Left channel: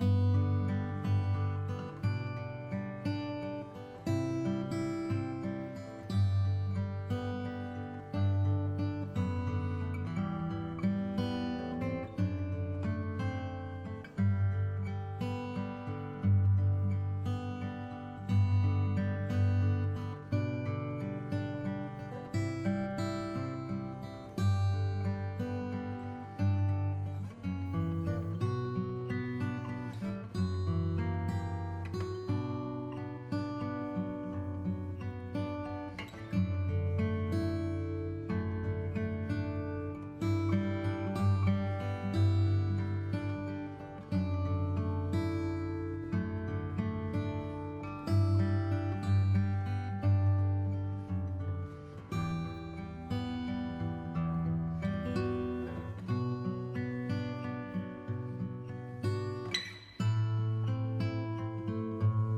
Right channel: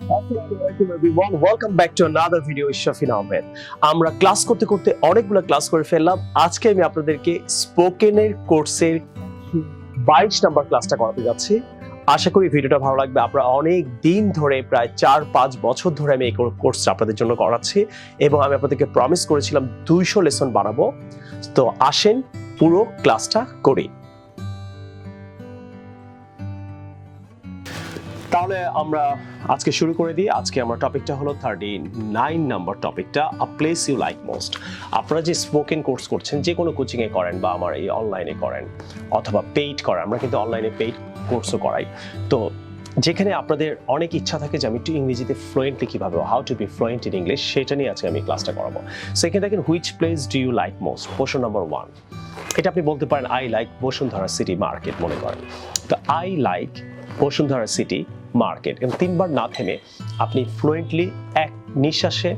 Assalamualaikum everyone. Welcome back to another video with Shafin Ahmed. আমরা class করতে করতে অনেকগুলো ক্লাস করে ফেললাম। আজকে আমি আপনাদেরকে স্পোকেনের কোর্সের 22 নাম্বার ক্লাসটা করাতে যাচ্ছি। আশা করি ভিডিওটা ভালো লাগবে। আমরা অনেক দিন ধরে প্রায় 4-5 বছর ধরে আমি এই কোর্সটা আপনাদের জন্য করাচ্ছি এবং আমি আপনাদেরকে প্রমিস করেছিলাম 200 লেসন বানাবো। তো আসেন পুরো ক্লাসটা করি। তাহলে আমরা আজকে শুরু করে দিই। আজকে আমার টপিকটা হলো 39 নাম্বার টপিকটা, a place you like most. আপনারা যে স্পোকেন কোর্স করছেন, যে কোনো কোচিংয়ে করেন বা আমার এই অনলাইনে করেন অথবা পেইড করেন, আমরা কিন্তু অনলাইনে পেইড কোর্সও করাই। তো যেখানে আপনাদের অনেক ইচ্ছা থাকে যে আমি একটু ইংরেজিতে ফ্লুয়েন্টলি কীভাবে, how to be fluent in English, সেটা নিয়ে আজকে আমি ক্লাসটা করাবো। সেখানে দেখেন which place do you like most, প্রশ্ন নাম্বার 1। এটা আপনি বলতে পারেন I like Bashundhara city market, মনে করেন। তো I like Bashundhara city market, এবং 3 বার না থেমে আপনি ফ্লুয়েন্টলি এক নিঃশ্বাসে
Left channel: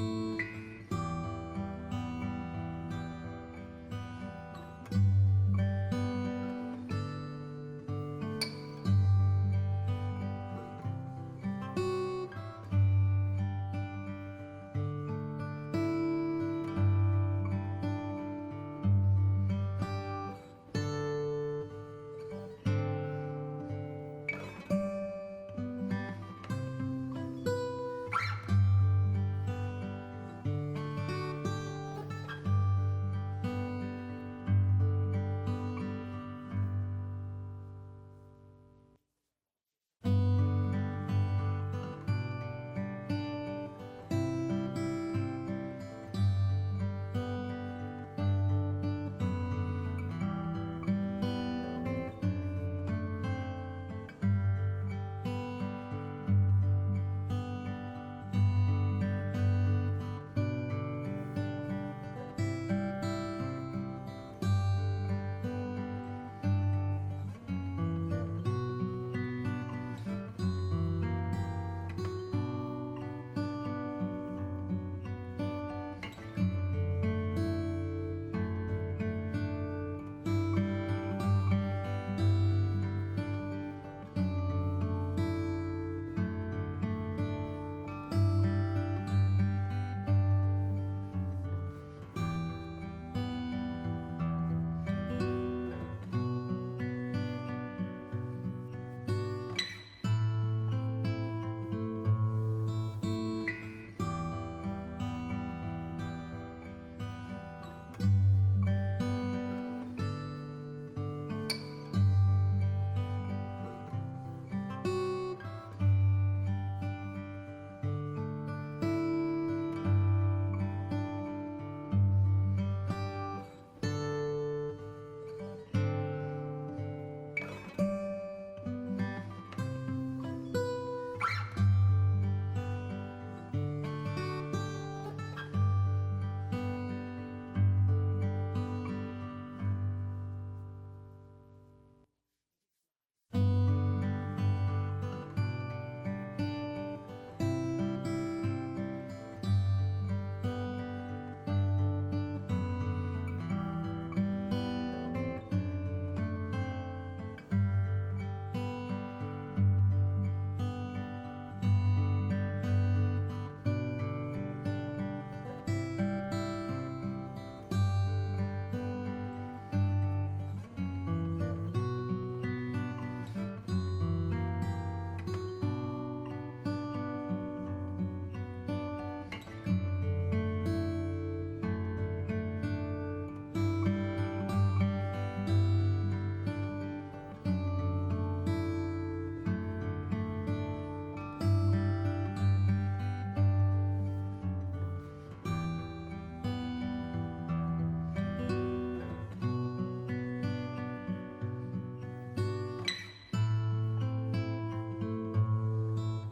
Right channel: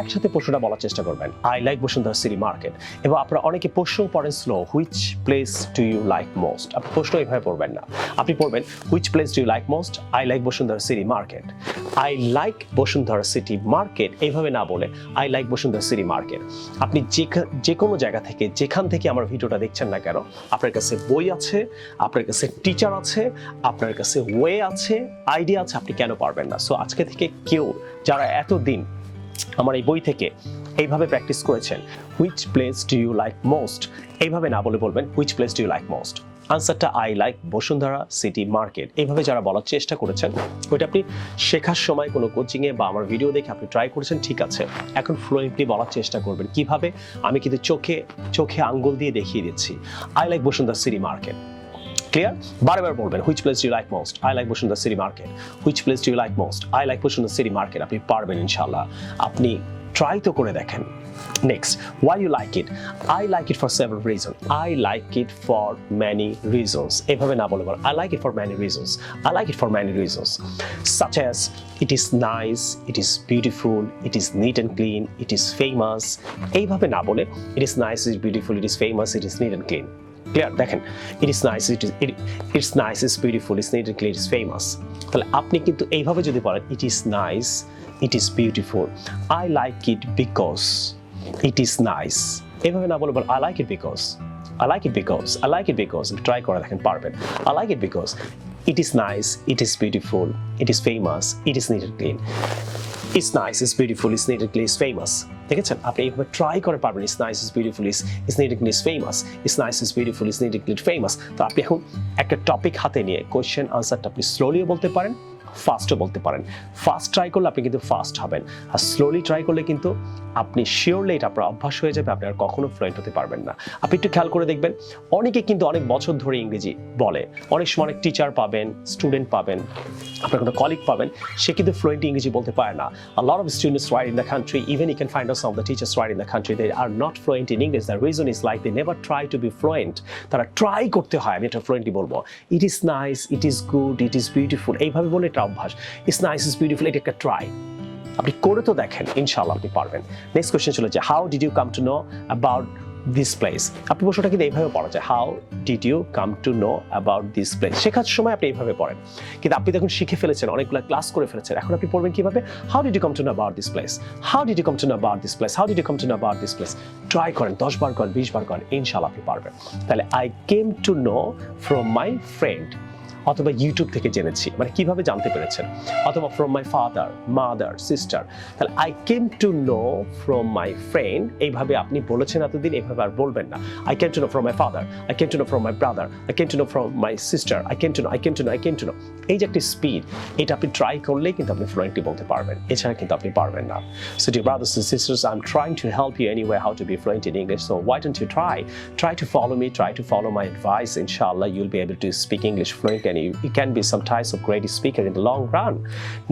একসাথে প্রশ্নটা বলার চেষ্টা করবেন, I like Bashundhara city market. এবং আপনারা অনেকে প্রশ্ন পড়েন slow, which place do you like most. আপনি প্রশ্ন এইভাবে পড়বেন না, আপনি পড়বেন which place do you like most, I like Bashundhara city market. I like Bashundhara city market এইভাবে না বলে I like Bashundhara city market. আপনি যে কোনো জায়গা থেকে, যেখান থেকে আমার ভিডিওটা দেখছেন না কেন, আপনার কাছে বই আছে, আপনার কাছে টিচার আছে, আপনার কাছে ওয়ে আছে, আইডিয়া আছে, আপনি কেন পারবেন না? সো আজকে থেকে কেউ যারা এতদিন আমার এই বই থেকে এইভাবে প্র্যাকটিস করেছেন, which place do you like most, এইভাবে না বলে বলবেন which place do you like most. আনসারটা I like Bashundhara city market, এইভাবে যারা বলার চেষ্টা করেছেন, ওইটা আপনি শেখার সময় কোনো কোচিংয়ে বা আমার ভিডিও দেখে আপনি ট্রাই করেছেন, ঠিক আছে। এখন ফ্লুয়েন্টলি বলার চেষ্টা করবেন। কিভাবে? আমি কিন্তু চোখে আঙ্গুল দিয়ে দেখিয়ে দিচ্ছি, I like Bashundhara city market. Clear? বারবার বলবেন which place do you like most, I like Bashundhara city market. Which place do you like most, I like Bashundhara city market. আপনি পারবেন ইনশাআল্লাহ। আপনি ট্রাই তো করে দেখেন। Next, why you like it? I like it for several reasons. I like it for many reasons. এভাবে না বলে বল, I like it for many reasons. I like it for many reasons. Such as it is nice, it is beautiful, it is neat and clean, it is famous. এইভাবে না বলে it is nice, it is beautiful, it is famous, it is neat and clean. Clear? দেখেন, it is nice, it's nice, it's beautiful, it's neat and clean, it's famous. তাহলে আপনি কিন্তু এইভাবে যদি বলেন it is nice, it is beautiful, I like it because it is nice, এভাবে না বলে বল I like it because, I like it because, I like it because, try করে দেখেন পারবেন। I like it because it is nice, it is beautiful, it is famous, it is neat and clean. It's nice, it's beautiful, it's neat and clean, it's famous. দেখেছেন? আপনি এইভাবে try করে পারবেন। It's nice, it's beautiful, it's neat and clean, it's famous. It's nice, it's beautiful, it's neat and clean, it's famous. তো আপনি এখন একটা topic হাতে নিয়ে কোয়েশ্চেন আনসারটা আপনি স্লোলিও বলতে পারেন, ফাস্টও বলতে পারেন। ফাস্ট ট্রাই করলে আপনি কিন্তু ফাস্ট হবেন, আর স্লোলি ট্রাই করলে কিন্তু আপনি শিওরলি এটা আপনার অভ্যাস হয়ে যাবে, আপনি আর কখনো ফ্লুয়েন্ট হতে পারবেন না। আপনি একটু খেয়াল করে দেখবেন, অনেকে কিন্তু অনেক বছর ধরে ইংরেজি বলে। অনেক সময় অনেক টিচার পাবেন, স্টুডেন্ট পাবেন, আপনার কোনো কলিগ পাবেন, সে কিন্তু ফ্লুয়েন্ট ইংরেজি বলতে পারে না। A lot of students right in the country, even you can find out some of the teachers right in the country, they are not fluent in English. The reason is like they never try to be fluent. তারা try করতে হয়, আমি এটা fluently বলবো, it is nice, it is good, it is beautiful, এইভাবে বলে এটা অভ্যাস। It's nice, it's beautiful, এটা একটা ট্রাই। আপনি করে তো দেখেন, ইনশাআল্লাহ আপনি পারবেন। নেক্সট কোয়েশ্চেন চলে যায়, how did you come to know about this place. আপনি প্রশ্নটা কিন্তু এইভাবে পড়া যায়, how did you come to know about this place. শেখার সময় আপনি এইভাবে পড়েন, কিন্তু আপনি তখন শিখে ফেলেছেন, অনেকগুলো ক্লাস করে ফেলেছেন। এখন আপনি পড়বেন কিভাবে, how did you come to know about this place, how did you come to know about this place, how did you come to know about this place. Try করেন, 10 বার করেন, 20 বার করেন, ইনশাআল্লাহ আপনি পারবেন। তাহলে I came to know from my friend, অথবা YouTube থেকে জেনেছি, মানে কিভাবে জানতে পেরেছেন, অথবা from my father, mother, sister. তাহলে I came to know from my friend, এইভাবে আপনি বলেছেন এতদিন, এইভাবে আর বলবেন না। I came to know from my father, I came to know from my brother, I came to know from my sister, I came to know, I came to know, I came to no. এই যে একটা speed, এটা আপনি try করলেই কিন্তু আপনি fluently বলতে পারবেন, এছাড়া কিন্তু আপনি পারবেন না। So dear brothers and sisters, I'm trying to help you anyway how to be fluent in English, so why don't you try to follow me, try to follow my advice. Inshallah you'll be able to speak English fluent, and you can be some types of great speaker in the long run.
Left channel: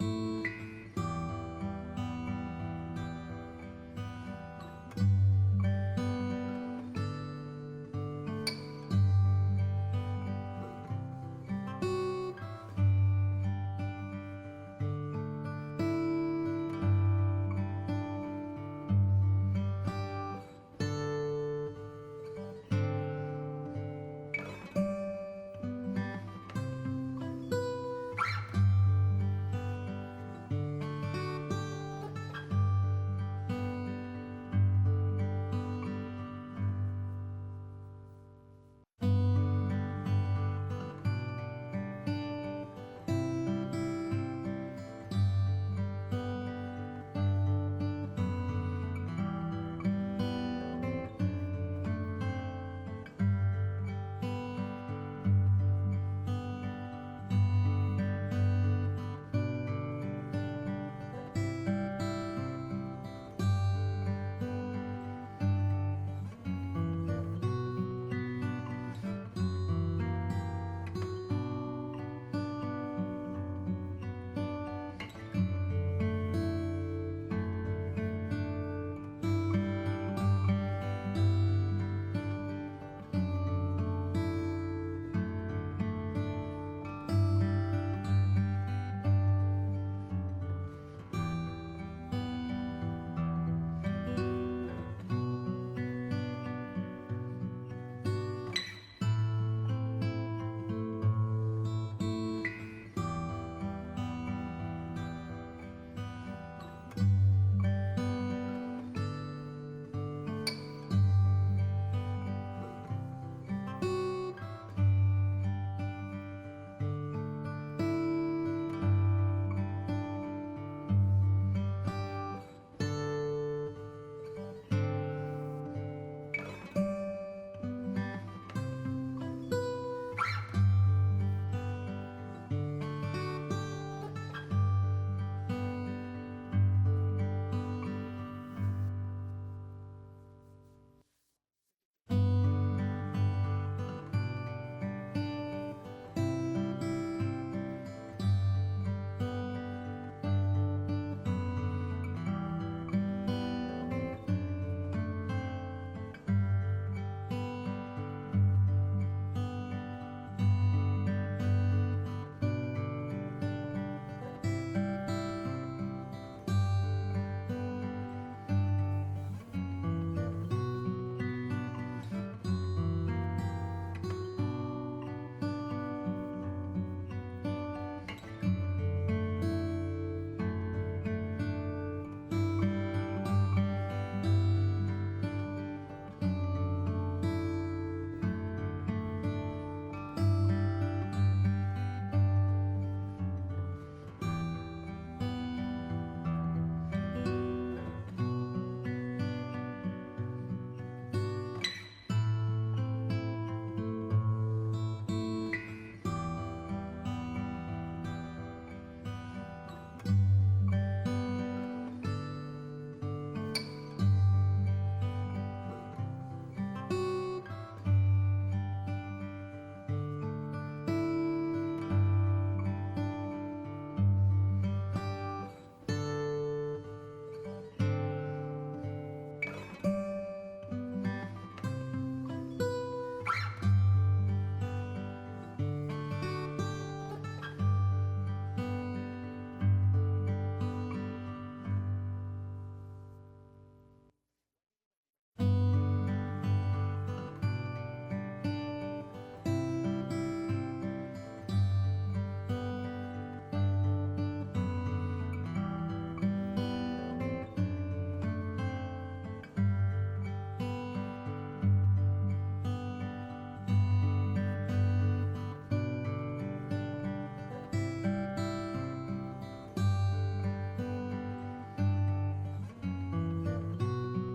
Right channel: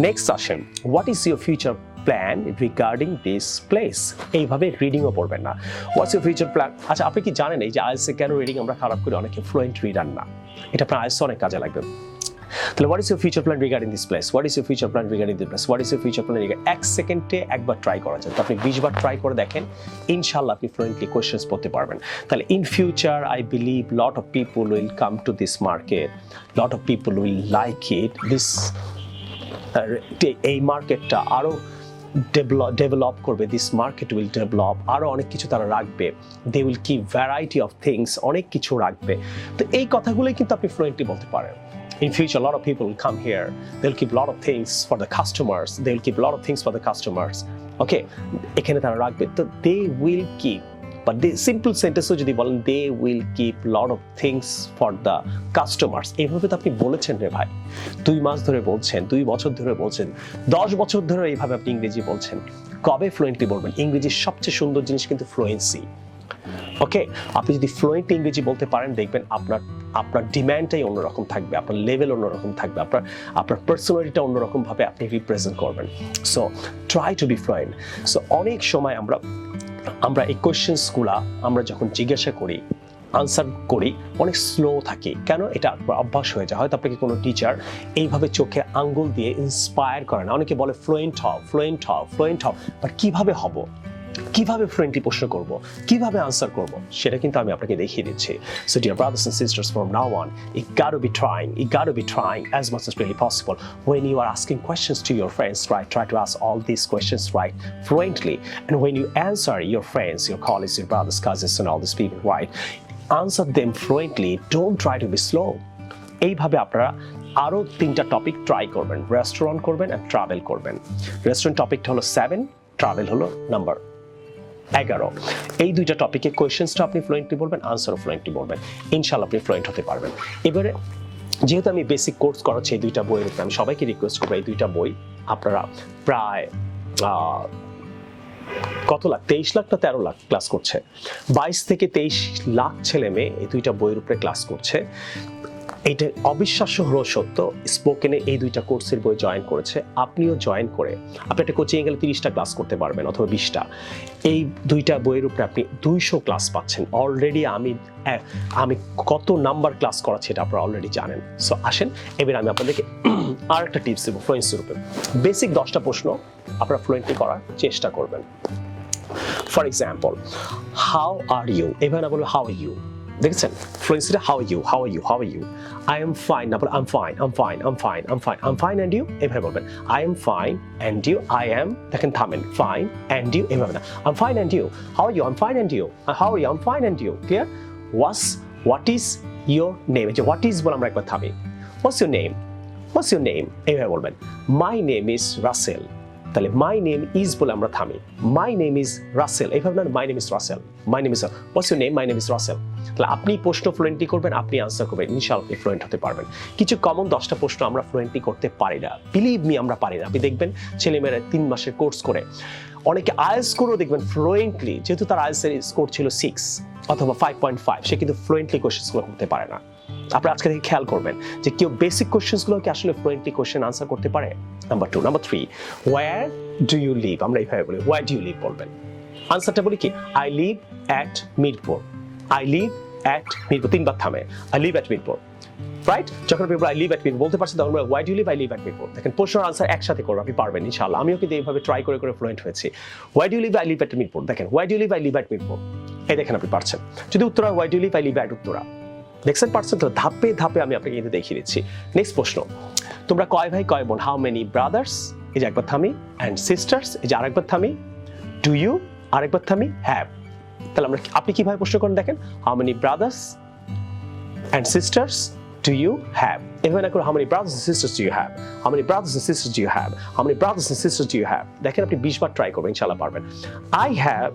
Next session, what is your future plan regarding this place? এইভাবে রিডিংও পড়বেন না, what's your future plan? আচ্ছা, আপনি কি জানেন এই যে IELTS এ কেন রিডিং আমরা খারাপ করি, অনেকে ফ্লুয়েন্ট রিডার না? এটা আপনার আইএলটিএস অনেক কাজে লাগবে। তাহলে what is your future plan regarding this place? What is your future plan regarding this place? What is your future plan regarding? 1 সেকেন্ডে একবার ট্রাই করা যায়, তো আপনি 20 বার ট্রাই করে দেখেন, ইনশাআল্লাহ আপনি ফ্লুয়েন্টলি কোশ্চেনস পড়তে পারবেন। তাহলে in future I believe lot of people will come to this market, lot of people will like it. This এই মার্কেটটা আরো ডেভেলপ করবে, দিস মার্কেট উইল ডেভেলপ, আরো অনেক কিছু তারা রাখবে, they will keep variety of things, অনেক কিছু রাখবে। তো এই কথাগুলোই কিন্তু আপনি ফ্লুয়েন্টলি বলতে পারেন। In future, a lot of people will come here. They'll keep a lot of things for the customers. They'll keep a lot of things for the customers. Okay, এখানে তারা রাখবে, তো they will keep. But the simple sentence যদি বলেন they will keep a lot of things for the customers, এইভাবে তো আপনি বলেছেন রে ভাই, 2 মাস ধরে বলছেন, 2 বছর ধরে বলছেন, 10 বছর ধরে এইভাবে আপনি ইংরেজি বলছেন, কবে ফ্লুয়েন্টলি বলবেন? ইংরেজির সবচেয়ে সুন্দর জিনিস কিন্তু ফ্লুয়েন্সি। ওকে, আপনি যদি ফ্লুয়েন্ট ইংরেজি বলতে পারেন, দেখবেন আপনার ডিমান্ডটাই অন্যরকম থাকবে, আপনার লেভেল অন্যরকম থাকবে, আপনার পার্সোনালিটিটা অন্যরকম ভাবে আপনি রিপ্রেজেন্ট করবেন। So try to be fluent. So অনেক সময় আমরা এই কোয়েশ্চেন্সগুলা আমরা যখন জিজ্ঞাসা করি, আনসার করি, অনেক স্লো থাকে। কেন? এটা অভ্যাস হয়ে যায়। হয়তো আপনাকে কোনো টিচার এইভাবে চোখে আঙ্গুল দিয়ে ইন্সপায়ার করে না। অনেকে বলে ফ্লুয়েন্ট হও, ফ্লুয়েন্ট হও, ফ্লুয়েন্ট হও, বাট কিভাবে হব, কিভাবে ফ্লুয়েন্টলি প্রশ্ন করব, কিভাবে আনসার করব, সেটা কিন্তু আমি আপনাকে দেখিয়ে দিচ্ছি। So dear brothers and sisters, from now on, you got to be trying as much as really possible. When you are asking questions to your friends, right, try to ask all these questions right fluently. And when you answer your friends, your colleagues, your brothers, cousins, and all these people, right, answer them fluently. Don't try to be slow. এইভাবে আপনারা আরো 3টা topic try করবেন। Restaurant করবেন আর travel করবেন। Restaurant টপিকটা হলো 7, travel হলো নাম্বার 11। এই 2টা টপিকে কোয়েশ্চেন্সটা আপনি ফ্লুয়েন্টলি বলবেন, আনসারও ফ্লুয়েন্টলি বলবেন, ইনশাআল্লাহ আপনি ফ্লুয়েন্ট হতে পারবেন। এবারে যেহেতু আমি বেসিক কোর্স করাচ্ছি এই 2টা বইয়ের উপরে, আমি সবাইকে রিকোয়েস্ট করবো এই 2টা বই আপনারা প্রায় কত লাখ, 23 লাখ না 13 লাখ ক্লাস করছে, 22 থেকে 23 লাখ ছেলে মেয়ে এই 2টা বইয়ের উপরে ক্লাস করছে। এটা অবিশ্বাস্য হলো সত্য, স্পোকেনে এই 2টা কোর্সের বই জয়েন করেছে। আপনিও জয়েন করে আপনি একটা কোচিং গেলে 30টা ক্লাস করতে পারবেন অথবা 20টা। এই 2টা বইয়ের উপরে আপনি 200 ক্লাস পাচ্ছেন অলরেডি। আমি কত নাম্বার ক্লাস করাচ্ছি এটা আপনারা অলরেডি জানেন। সো আসেন এবার আমি আপনাদেরকে আর একটা টিপস দেবো ফ্লুয়েন্সির উপরে। বেসিক 10টা প্রশ্ন আপনারা ফ্লুয়েন্টলি করার চেষ্টা করবেন। For example, how are you, এবার না বলবো হাউ আর ইউ, দেখছেন ফ্লুয়েন্সিটা how are you, how are you, how are you. I am fine, না বলে I'm fine, I'm fine, I'm fine, I'm fine, I'm fine and you, এভাবে বলবেন। I am fine and you, I am, দেখেন থামেন, fine and you, এভাবে না, I'm fine and you, how are you, I'm fine and you, how are you, I'm fine and you, clear? What is your name? যে what is বলে আমরা একবার থামি, what's your name, what's your name, এভাবে বলবেন। My name is Russell, তাহলে my name is বলে আমরা থামি, my name is Russell, এইভাবে না, my name is Russell, my name is, what's your name, my name is Russell। তাহলে আপনি প্রশ্ন ফ্লুয়েন্টলি করবেন, আপনি আনসার করবেন, ইনশাআল্লাহ আপনি ফ্লুয়েন্ট হতে পারবেন। কিছু কমন 10টা প্রশ্ন আমরা ফ্লুয়েন্টলি করতে পারি না, বিলিভ মি আমরা পারি না। আপনি দেখবেন ছেলেমেয়েরা 3 মাসের কোর্স করে, অনেকে আইএলটিএস স্কোরও দেখবেন ফ্লুয়েন্টলি, যেহেতু তার আইএলটিএস এর স্কোর ছিল 6 অথবা 5.5, সে কিন্তু ফ্লুয়েন্টলি কোশ্চেনগুলো করতে পারে না। আপনি আজকে থেকে খেয়াল করবেন যে কেউ বেসিক কোশ্চেনগুলো কি আসলে ফ্লুয়েন্টলি কোশ্চেন আনসার করতে পারে। Number 2, number 3, where do you live, আমরা এইভাবে বলি, ওয়্যার ডু ইউ লিভ বলবেন। আনসারটা বলি কি, I live at Mirpur, I live at Mirpur, 3 বার থামে, I live at Mirpur, right? যখন আপনি I live at মিরপুর বলতে পারছেন, তখন why do you live, I live at Mirpur. দেখেন প্রশ্ন আনসার একসাথে করবেন, আপনি পারবেন ইনশাআল্লাহ। আমিও কিন্তু এইভাবে ট্রাই করে ফ্লুয়েন্ট হয়েছি। why do you live, I live at Mirpur, দেখেন why do you live, I live at Mirpur, এই দেখেন আপনি পারছেন। যদি Uttara why do you live, I live at Uttara, দেখছেন পারছেন তো। ধাপে ধাপে আমি আপনাকে কিন্তু দেখিয়ে দিচ্ছি। নেক্সট প্রশ্ন, তোমরা কয় ভাই কয় বোন, হাউ মেনি ব্রাদার্স, এই যে একবার থামি, অ্যান্ড সিস্টার্স, এই যে আরেকবার থামি, ডু ইউ, আরেকবার থামি, হ্যাভ। তাহলে আপনি কিভাবে প্রশ্ন করেন দেখেন, how many brothers and sisters do you have, এভাবে না করে how many brothers and sisters do you have, how many brothers and sisters do you have, how many brothers and sisters do you have। দেখেন আপনি 20 বার try করবেন, ইনশাআল্লাহ পারবেন। I have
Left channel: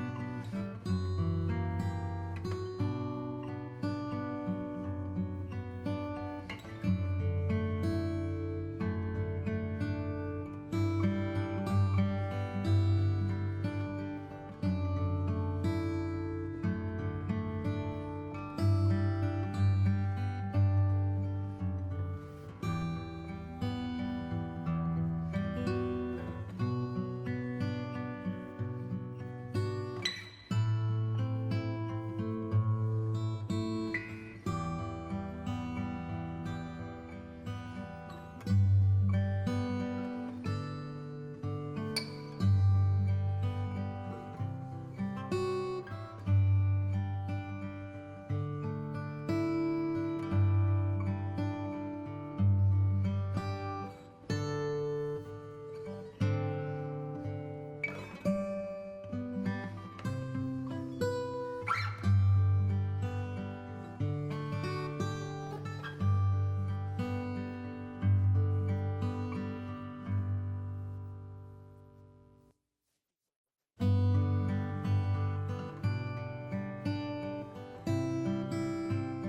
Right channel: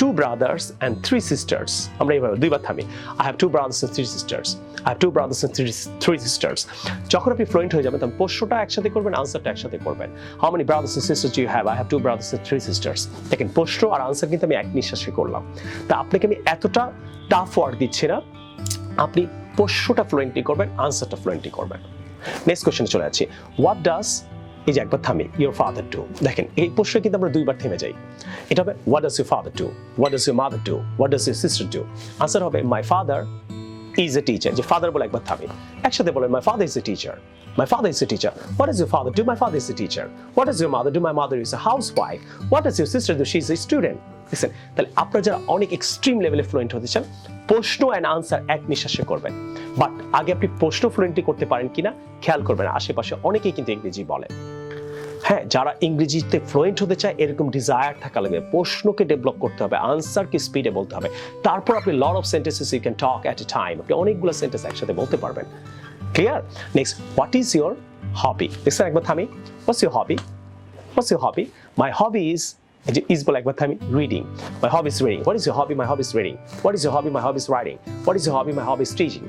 2 brothers and 3 sisters, আমরা এইভাবে 2 বার থামি, I have 2 brothers and 3 sisters, I have 2 brothers and 3 sisters। যখন আপনি fluent হয়ে যাবেন তখন প্রশ্নটা একসাথে করবেন, আনসারটা একসাথে করবেন। How many brothers and sisters do you have? I have 2 brothers and 3 sisters। দেখেন প্রশ্ন আর আনসার কিন্তু আমি এক নিঃশ্বাসে করলাম। তা আপনাকে আমি এতটা টাফ ওয়ার্ড দিচ্ছি না, আপনি প্রশ্নটা ফ্লুয়েন্টলি করবেন, আনসারটা ফ্লুয়েন্টলি করবেন। নেক্সট কোশ্চেনে চলে যাচ্ছি, হোয়াট ডাজ, এই যে একবার থামি, ইউর ফাদার ডু। দেখেন এই প্রশ্নে কিন্তু আমরা 2 বার থেমে যাই। এটা হবে what does your father do, what does your mother do, what does your sister do. Answer হবে my father is a teacher, যে ফাদার বলে একবার থামি, একসাথে বলেন my father is a teacher, my father is a teacher, what does your father do, my father is a teacher, what does your mother do, my mother is a housewife, what does your sister do, she is a student। দেখছেন, তাহলে আপনারা যারা অনেক extreme লেভেলে fluent হতে চান, প্রশ্ন and answer এক নিঃশ্বাসে করবেন। বাট আগে আপনি প্রশ্ন ফ্লুয়েন্টলি করতে পারেন কিনা খেয়াল করবেন, আশেপাশে অনেকেই কিন্তু ইংরেজি বলে। হ্যাঁ, যারা ইংরেজিতে ফ্লুয়েন্ট হতে চায় এরকম ডিজায়ার থাকা লাগবে, প্রশ্নকে ডেভেলপ করতে হবে, আনসারকে স্পিডে বলতে হবে, তারপর আপনি lot of sentences you can talk at a time, আপনি অনেকগুলো সেন্টেন্স একসাথে বলতে পারবেন। Clear? Next, what is your hobby? দেখছেন একবার থামি, what's your hobby? What's your hobby? My hobby is বলে একবার থামি, reading. My hobby is reading. What is your hobby? My hobby is reading. What is your hobby? My hobby is writing. What is your hobby? My hobby is teaching.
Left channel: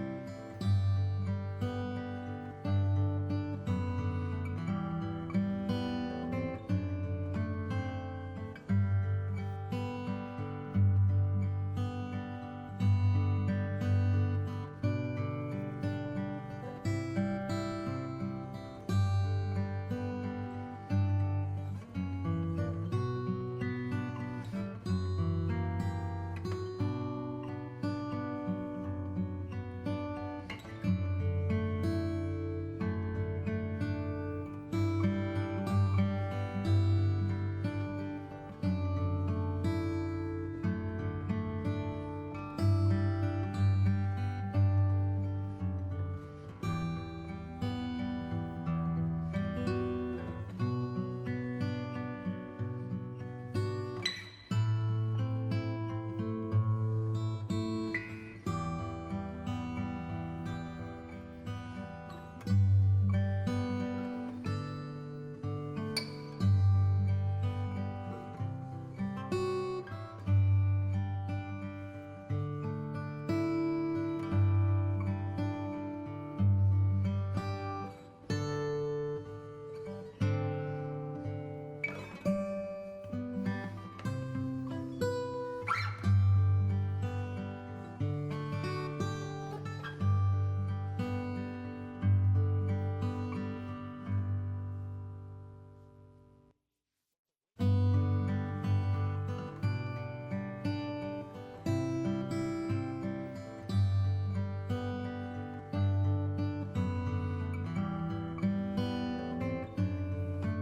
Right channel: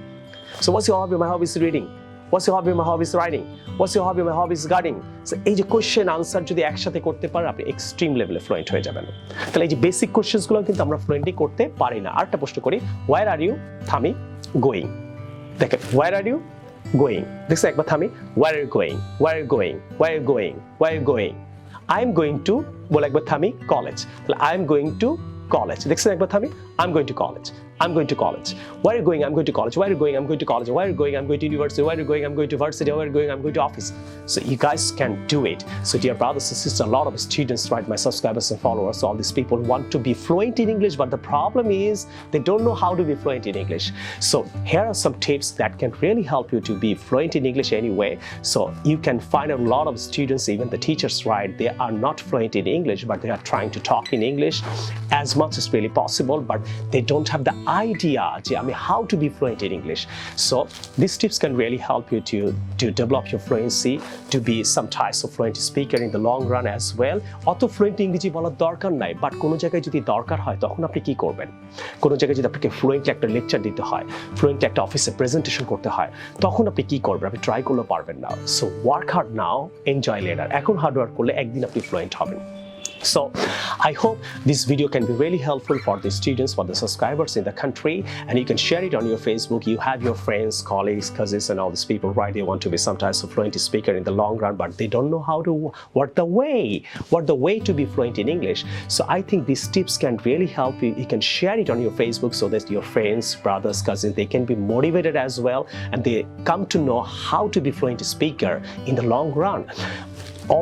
So what's your hobby? My hobby is reading. What's your hobby? My hobby is writing. What's your hobby? My hobby is gardening. So এই যে question answer যদি একসাথে করতে পারেন আপনি extreme লেভেলে fluent হয়ে যাবেন। তাহলে এই যে বেসিক কোশ্চেনগুলো কিন্তু আমরা ফ্লুয়েন্টলি করতে পারি না। আরেকটা প্রশ্ন করি, where are you? থামি, going. দেখেন, where are you? Going. দেখছেন একবার থামি, where are you going? Where are you going? Where are you going? Where are you going? I am going to বলে একবার থামি, কলেজ। তাহলে I am going to college. দেখছেন একবার থামি, I'm going to college. I'm going to college. Where are you going? I'm going to college. Where are you going? I'm going to college. Where are you going? I'm going to university. Where are you going? I'm going to varsity. Where are you going? I'm going to office. So you guys can do it. So dear brothers and sisters, a lot of students, right, my subscribers and followers, all these people want to be fluent in English, but the problem is they don't know how to be fluent in English. So here are some tips that can really help you to be fluent in English anyway. So you can find a lot of students, even the teachers, right, they are not fluent in English, but they are trying to talk in English as much as really possible, but they don't have the idea how to be fluent in English. So these tips can really help you to develop your fluency, to be some types of fluent speaker in the long run as well. অত fluent ইংরেজি বলার দরকার নাই, but কোনো জায়গায় যদি দরকার হয় তখন আপনি কি করবেন? কোনো জায়গায় যদি আপনাকে ফ্লুয়েন্টলি একটা লেকচার দিতে হয়, ফ্লুয়েন্টলি একটা অফিসে প্রেজেন্টেশন করতে হয়, তখন আপনি কি করবেন? আপনি ট্রাই করলে পারবেন না। সো ওয়ার্ক হার্ড নাও, এনজয় লেটার। এখন হার্ড ওয়ার্ক করলে একদিন আপনি ফ্লুয়েন্ট হবেন। So I hope this video can be really helpful for the students, for the subscribers in the country, and you can share it on your Facebook. You have your friends, colleagues, cousins, and all these people, right? They want to be some types of fluent speaker in the long run, but they don't know how to, what the way to be fluent in English. So I think these tips can really help you. You can share it on your Facebook so that your friends, brothers, cousins, they can be motivated as well, and they come to know how to be fluent speaker in the long run.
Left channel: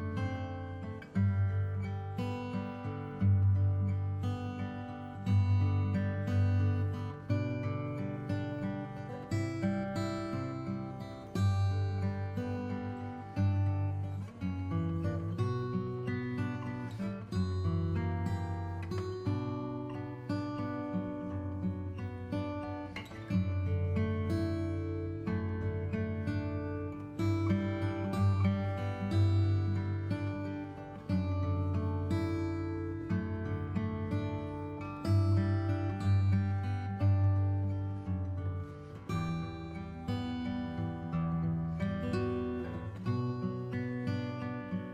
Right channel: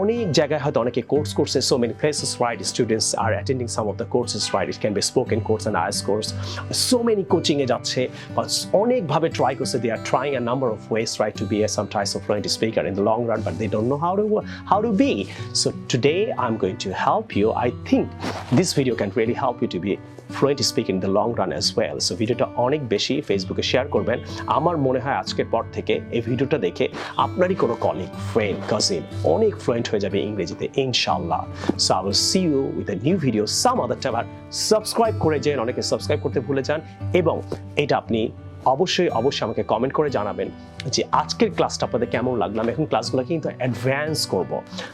অনেক জায়গায় হয়তো অনেকে course করছে, so many places, right, students are attending some of the courses, right, it can be spoken course and IELTS course, so many coaching এ যাচ্ছে, অনেকভাবে try করছে, they are trying a number of ways, right, to be some types of fluent speaker in the long run, but they don't know how to be. So today I'm going to help you. I think this video can really help you to be fluent speaking in the long run as well. So ভিডিওটা অনেক বেশি ফেসবুকে share করবেন। আমার মনে হয় আজকের পর থেকে এই ভিডিওটা দেখে আপনারই কোনো কলিগ, ফ্রেন্ড, কাজিন অনেক ফ্লুয়েন্ট হয়ে যাবে ইংরেজিতে ইনশাআল্লাহ। So I will see you with a new video some other time. R subscribe করে যান, অনেকে সাবস্ক্রাইব করতে ভুলে যান, এবং এটা আপনি অবশ্যই আমাকে কমেন্ট করে জানাবেন যে আজকের ক্লাসটা আপনাদের কেমন লাগলো। আমি এখন ক্লাসগুলো কিন্তু অ্যাডভান্স করব।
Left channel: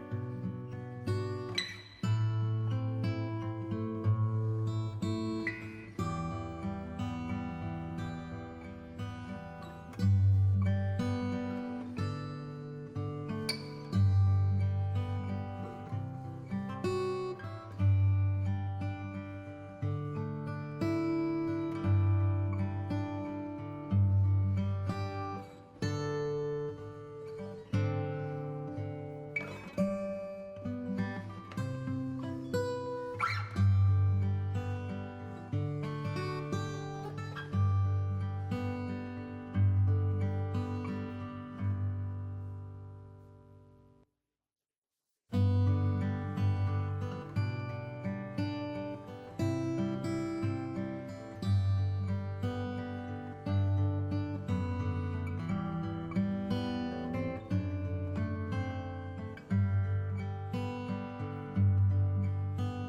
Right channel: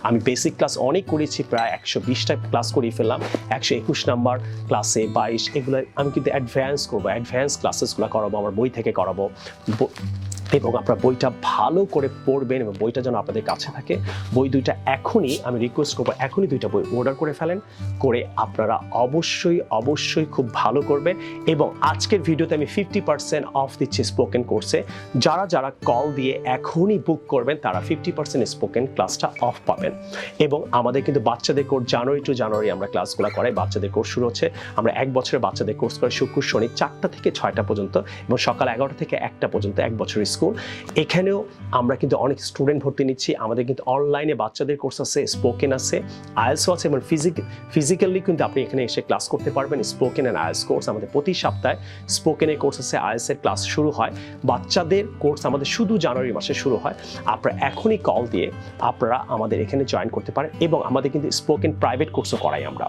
আমি বেসিক ক্লাস অনেক করেছি, প্রায় 120টা ক্লাস করিয়ে ফেললাম, 121 নাম্বার ক্লাসে 22, এগুলো আমি কিন্তু অ্যাডভান্স করব, অ্যাডভান্স ক্লাসেসগুলো করাবো, আমার বই থেকে করাবো, এবং আপনারা বইটা ভালো করে পড়বেন এবং বইটা যেন আপনাদের কাছে থাকে। বই দুইটা এখনই আমি রিকোয়েস্ট করবো, এখনই দুইটা বই অর্ডার করে ফেলেন, করে আপনারা অবশ্যই খুব ভালো করবেন। এবং আজকের ভিডিওতে আমি 50% অফ দিচ্ছি স্পোকেন কোর্সে। যারা কল দিয়ে এখনই বুক করবেন তারা 50% স্পোকেন ক্লাসটা অফ পাবেন। এবং আমাদের কিন্তু বাচ্চাদের কোর্স জানুয়ারি টু জানুয়ারি আমরা ক্লাসগুলো করাই, বাচ্চাদের কোর্স শুরু হচ্ছে। আমরা 1 বছরের বাচ্চাদের কোর্স করি শুক্র শনি 4টা থেকে 6টা পর্যন্ত, এবং সকাল 11টা থেকে 1টা পর্যন্ত 1 বছরের স্কুল। এখানেও আমরা কিন্তু অনেক স্টুডেন্ট ভর্তি নিচ্ছি। আমাদের কিন্তু অনলাইনে বাচ্চাদের কোর্স আছে, স্পোকেন আছে, আইএলটিএস আছে, এবং ফিজিক্যালি কিন্তু আপনি এখানে এসে ক্লাস করতে পারবেন। স্পোকেন এন্ড আইএলটিএস কোর্স আমাদের প্রতি সপ্তাহে স্পোকেনের কোর্স আছে, আইএলটিএস এর ক্লাস শুরু হয়। বাচ্চাদের কোর্স আমাদের শুধু জানুয়ারি মাসে শুরু হয়। আপনারা এখনই কল দিয়ে আপনারা আমাদের এখানে জয়েন করতে পারেন। এবং আমাদের কিন্তু স্পোকেন প্রাইভেট কোর্সও করাই আমরা,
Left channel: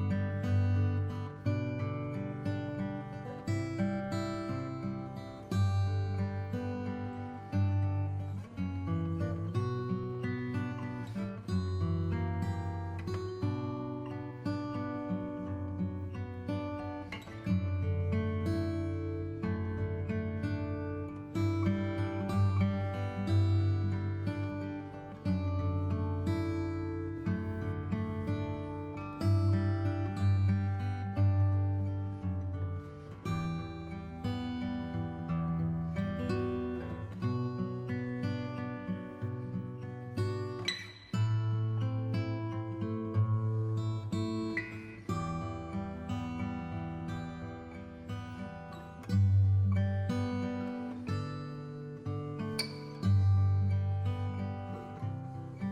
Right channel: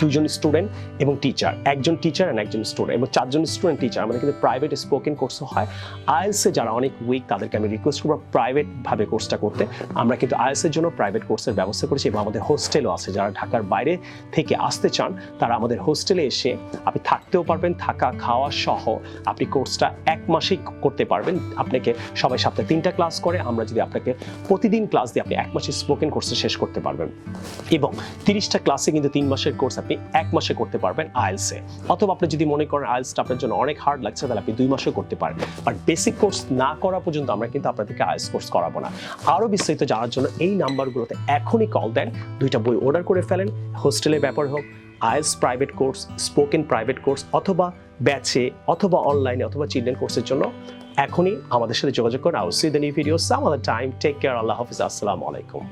দুইজন স্টুডেন্ট এবং টিচার, একজন টিচার এন্ড একজন স্টুডেন্ট, এবং 4 জন স্টুডেন্ট টিচার। আমাদের কিন্তু প্রাইভেট স্পোকেন কোর্সও হয়। আইএলটিএস এ যারা অনেক উইক তাদেরকে আমি রিকোয়েস্ট করবো প্রাইভেট ভাবে কোর্সটা করতে। আমরা কিন্তু আইএলটিএস এর জন্য প্রাইভেট কোর্সের ব্যবস্থা করেছি, এবং আমাদের হোস্টেলও আছে। যারা ঢাকার বাইরে থেকে আসতে চান তারা আমাদের হোস্টেলে এসে আপনি থাকতেও পারবেন, থাকা খাওয়া সহ আপনি কোর্সটা 1 মাসেই করতে পারবেন। আপনাকে সবাই সপ্তাহে 3টা ক্লাস করে, আমরা যদি আপনাকে প্রতিদিন ক্লাস দিয়ে আপনি 1 মাসে স্পোকেন কোর্সটা শেষ করতে পারবেন। এবং 30টা ক্লাসে কিন্তু 3 মাসের কোর্স আপনি 1 মাসে করতে পারবেন আইএলটিএস এ। অথবা আপনি যদি মনে করেন আইএলটিএস আপনার জন্য অনেক হার্ড লাগছে তাহলে আপনি 2 মাসেও করতে পারেন। বাট বেসিক কোর্স না করা পর্যন্ত আমরা কিন্তু আপনাদেরকে আইএলটিএস কোর্স করাবো না। আরো বিস্তারিত জানার জন্য এই নাম্বারগুলোতে এখনই কল দেন, 2টা বই অর্ডার করে ফেলেন। হোস্টেলের ব্যাপার হোক, IELTS private course, spoken private course, অথবা ব্যাচে, অথবা অনলাইনে, অথবা চিলড্রেন কোর্সের জন্য এখনই আমাদের সাথে যোগাযোগ করুন। I will see the new video some other time. Take care. আল্লাহ হাফেজ। আসসালামু আলাইকুম।